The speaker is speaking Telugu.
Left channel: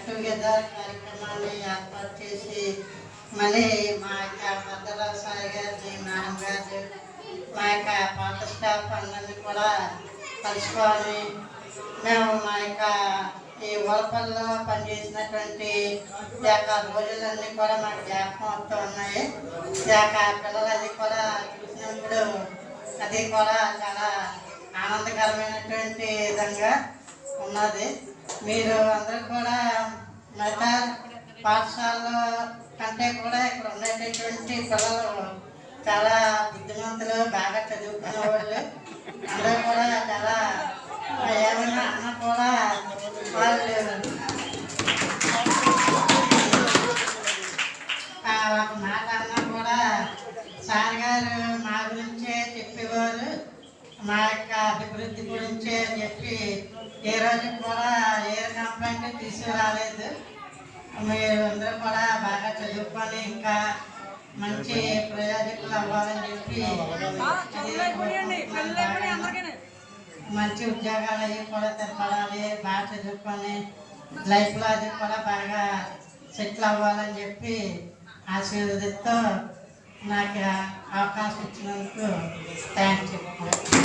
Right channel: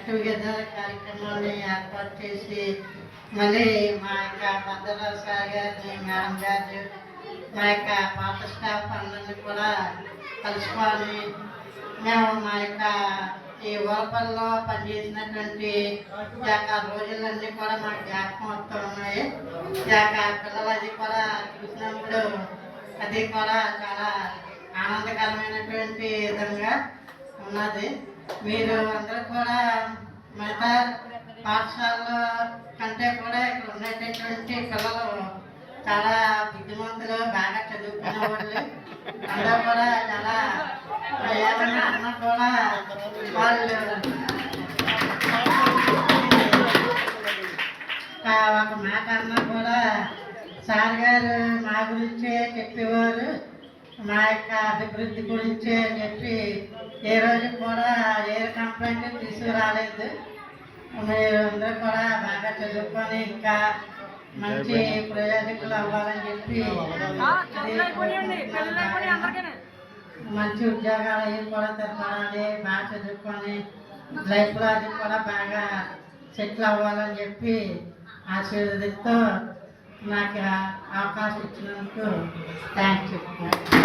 గెట్ టుగెదర్ కార్యక్రమాన్ని ఏర్పాటు చేసి మళ్ళీ మా యొక్క మద్దరావు సార్ గారిని మేడం గారు మా యొక్క పాత స్టాఫ్ అందరినీ కూడా కలుసుకోవాలి. మేము మా యొక్క ఈ వలపల్లో పనిచేసినటువంటి యొక్క రోజులన్నీ కూడా మాకు జ్ఞాపకం వస్తూ ఉన్నాయి. యొక్క పిల్లలు అది కూడా చూసినప్పుడు అది కూడా చాలా ఆనందకరమైనటువంటి విధంగా ఉన్నది. మీరు అందరూ కూడా కంటే కూడా ఇక్కడ ఉండేటటువంటి పిల్లలు చాలా బుద్ధిమంతులు బాగా చదువుకునే వాళ్ళు. అందరూ కూడా చాలా ఏమైనా అన్న కూడా వాళ్ళు ఒక మాట అన్నా కూడా సార్ గారు మా గురించే చెప్పేవారు. మా యొక్క అభివృద్ధి గురించే చెప్పి ఏ రోజు కూడా ఏ కంప్లైంట్ తీసుకురాలేదు. మీరు అందరూ కూడా బాగా చదువుకొని ఇంకా మంచి ప్రయోజకులు అవ్వాలని చెప్పి మంచి ఉద్యోగాలు అవి కూడా తెలపడాలి బాగా చదువుకొని లైఫ్లో అది కూడా బాగా సెటిల్ అవ్వాలని చెప్పి ఆశీర్వదిస్తూ నాకు అవకాశం ఇచ్చినందుకు థ్యాంక్ యూ